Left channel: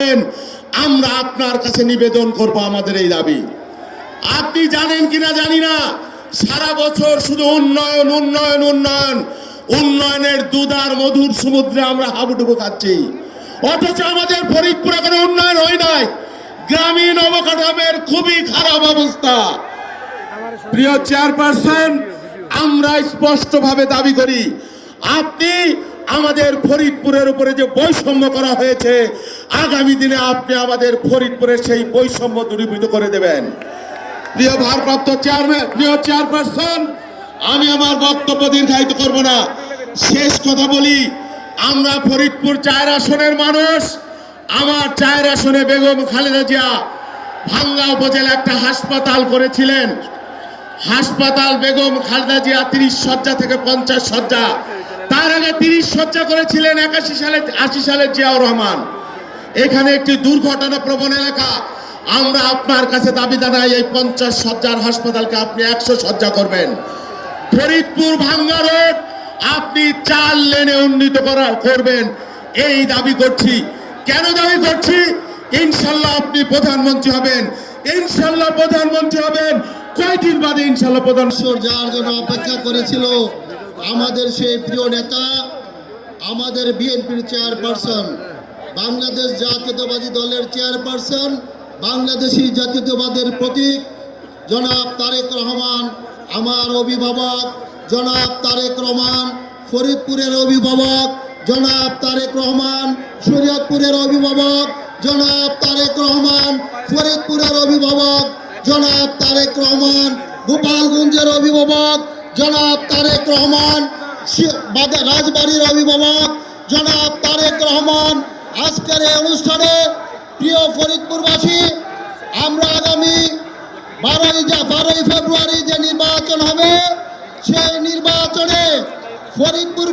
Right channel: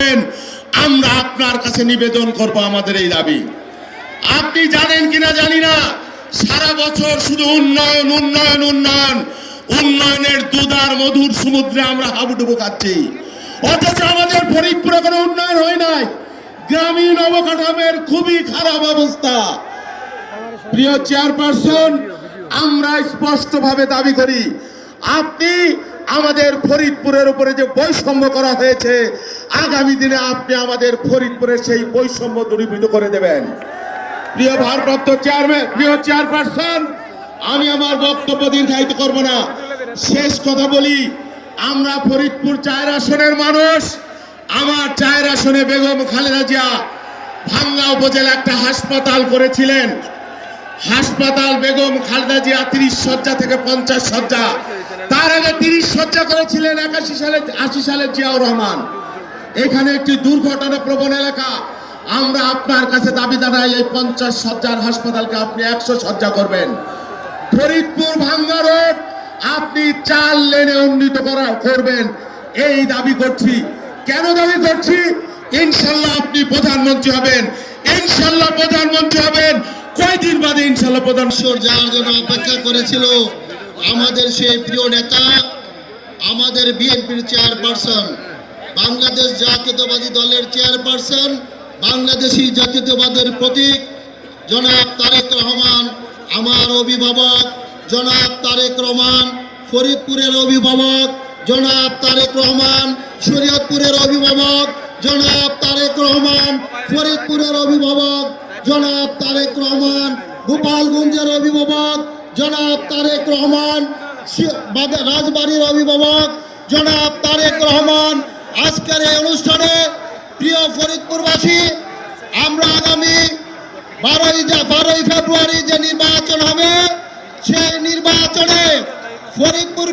আমরা আপনার কাছে নিবেদন করব আমাদের এই দাবি। আপনি জানেন কিনা জানি না, সারা বছর শুধু উন্নয়ন উন্নয়ন উন্নয়ন, উন্নয়নের দুধার মধুর সমুদ্রে আমরা হাবুডুবু খাচ্ছি, অথচ আমাদের ফরিদপুরে কোনো উন্নয়ন হয় নাই। গ্রামীণ অবকাঠামোর খুবই খারাপ অবস্থা। প্রিয় চেয়ারপারসন, আমরা স্পষ্টভাবে দাবি করি, আপনি আমাদের ফরিদপুরের উপরে যে বৈষম্য করা হয়েছে, আগামী দিনে আপনি আমাদের ফরিদপুরের সেই বৈষম্য দূরীভূত করে দেবেন। প্রিয় ভারপ্রাপ্ত চেয়ারম্যান, প্রিয় চেয়ারপারসন, আমি আমার বক্তব্য দীর্ঘায়িত করব না, শেষ কথা বলি। আমরা ফরিদপুর 4 আসনের মানুষ। আমার 4 আসনে বেগম খালেদা জিয়া ভাঙ্গা উপজেলা একটা হাসপাতাল করেছিলেন। হাসপাতাল বেগম খালেদা জিয়া 30 শয্যা থেকে 50 শয্যা, তার আগে 30 শয্যা করেছিলেন 80 সালে জিয়াউর রহমান। এখানে একটি দুর্ঘটনা প্রবণ এলাকা। আমরা আপনার কাছে দাবি জানাই, এই 50 শয্যার হাসপাতালকে আপনি 100 শয্যা করবেন। ফরিদপুর ভাঙ্গা রোড আপনি 4 লেনে উন্নীত করবেন, এই দাবি করছি। কেন দাবি করছি? ইনশাল্লাহ আপনি প্রধানমন্ত্রী হবেন, ইনশাল্লাহ প্রধানমন্ত্রী হবেন। কয়েকদিন বাদে ইনশাল্লাহ প্রধানমন্ত্রী যার জন্য অপেক্ষা করেছিল আমাদের সেই প্রিয় নেতা, আমাদের বিএনপির চেয়ারপারসন, বাংলাদেশ জাতীয়তাবাদী দলের চেয়ারপারসন, বাংলাদেশি জাতীয়তাবাদের প্রতীক জনাব তারেক রহমান, আমার অভিভাবক জনাব তারেক রহমান, ফরিদপুরের অভিভাবক জনাব তারেক রহমান, শরীয়তপুরের অভিভাবক জনাব তারেক রহমান, ফরিদপুরের অভিভাবক জনাব তারেক রহমান, গোপালগঞ্জের অভিভাবক জনাব তারেক রহমান, রাজবাড়ির অভিভাবক জনাব তারেক রহমান। আজকের এই অনুষ্ঠানে প্রিয় ফরিদপুরবাসী, আমরা আগামী 12ই ফেব্রুয়ারি যে নির্বাচন হবে, সেই নির্বাচনে ফরিদপুর